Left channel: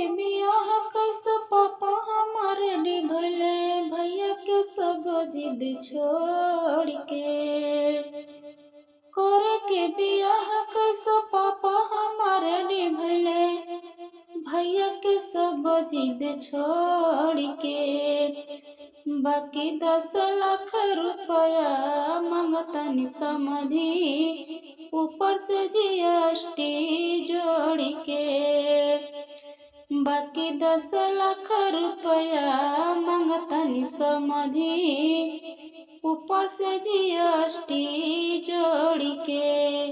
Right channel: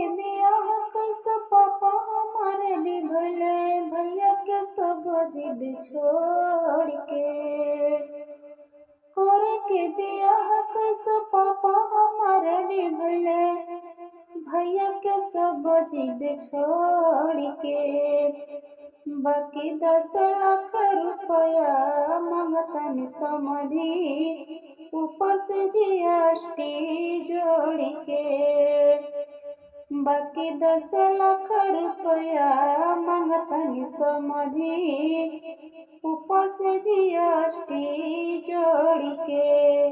के बियाह कैसे पापा हमारे निभले, भैया के सब जिद छोड़ के। करे के बियाह कैसे पापा हमारे निभले, भैया के सब जिद छोड़ के। बाकी 10 लाख रुपया मांगतनी समधी, ऊपर से जीएसटी जोड़ के। बाकी 10 लाख रुपया मांगतनी समधी, ऊपर से जीएसटी जोड़ के।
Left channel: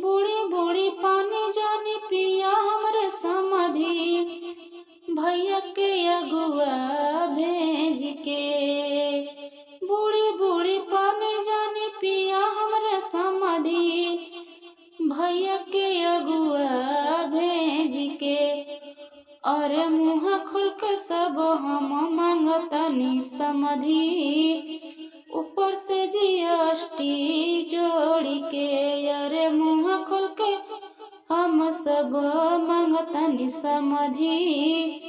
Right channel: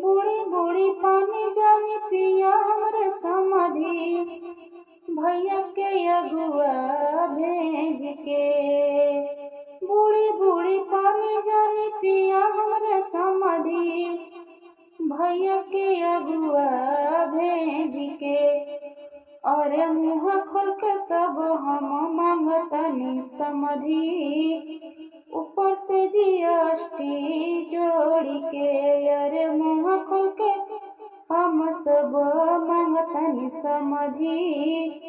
बूढ़ी बूढ़ी पानी जानी पिया हमरे समधी, भैया के अगुआ भेज के। बूढ़ी बूढ़ी पानी जानी पिया हमरे समधी, भैया के अगुआ भेज के। अरे मुँह खोल के सब हम मांगतनी समधी, ऊपर से जीएसटी जोड़ के। अरे मुँह खोल के हम सब मांगतनी समधी,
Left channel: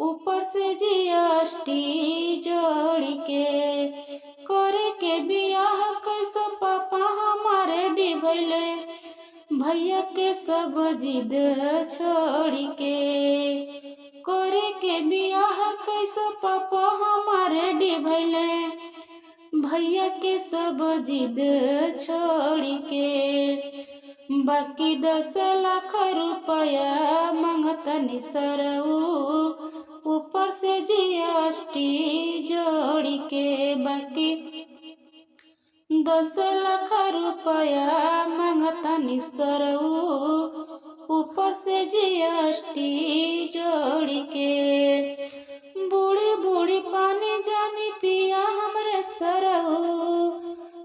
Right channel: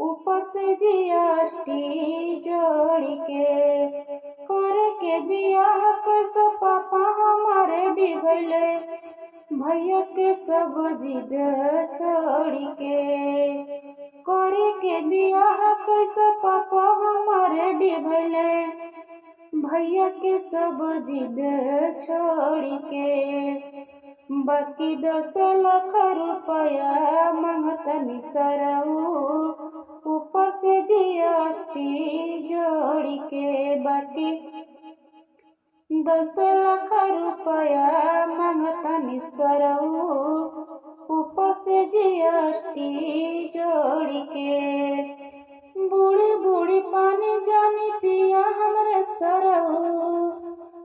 ऊपर से जीएसटी जोड़ के। करे के बियाह कैसे पापा हमारे डिभले, भैया के सब जिद छोड़ के। करे के बियाह कैसे पापा हमारे डिभले, भैया के सब जिद छोड़ के। बाकी 10 लाख रुपया मांगतनी सरऊ, ऊपर से जीएसटी जोड़ के। बाकी 10 लाख रुपया मांगतनी सरऊ, ऊपर से जीएसटी जोड़ के। बूढ़ी बूढ़ी पानी जानी पिया हमरे सरऊ,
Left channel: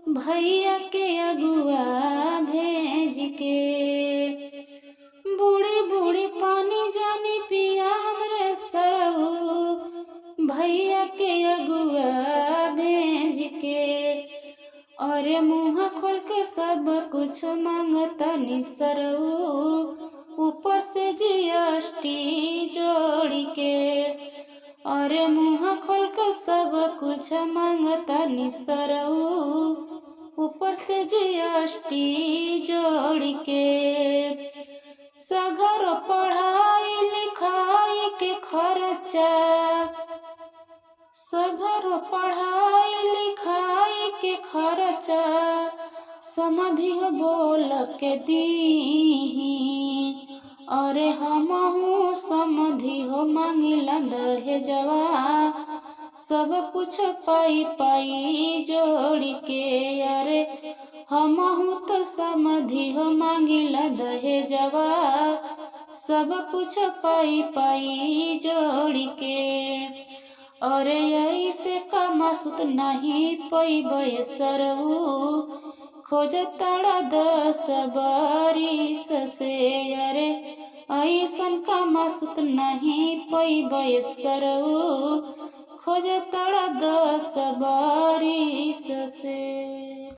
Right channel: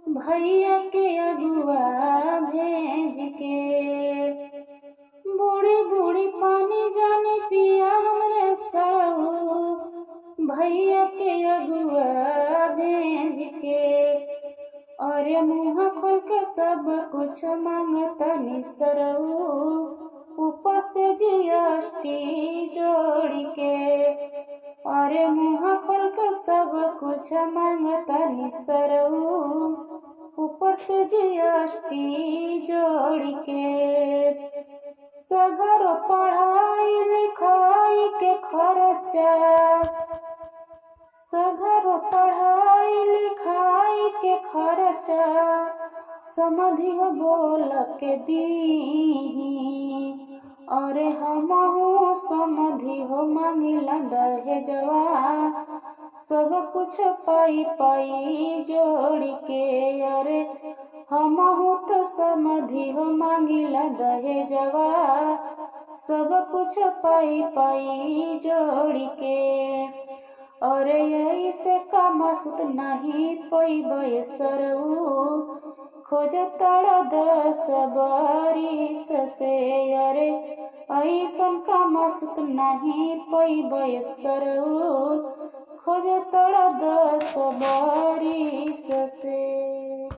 भैया के अगुआ भेज के। बूढ़ी बूढ़ी पानी जानी पिया हमरे सरऊ, भैया के अगुआ भेज के। अरे मुँह खोल के सब कुछ मांगतनी सरऊ, ऊपर से जीएसटी जोड़ के। अरे मुँह खोल के सब कुछ मांगतनी सरऊ, ऊपर से जीएसटी जोड़ के। सगर पढ़ाई लिखाई के खर्चा, सगर पढ़ाई लिखाई के खर्चा समधी बोल के दी। अरे हमहू समधी हो मांगिला दहेजवा, सब कुछ पाई पाई जोड़ के। अरे हमहू तो समधी हो मांगिला दहेजवा, सब कुछ पाई पाई जोड़ के। अरे ऐसे कामसुत नहीं पैबै सरऊ, खोज तड़ा 10 बरिस से। अरे ऐसन कामसुत नहीं पैबै सरऊ, खोज तड़ा 10 बरिस से।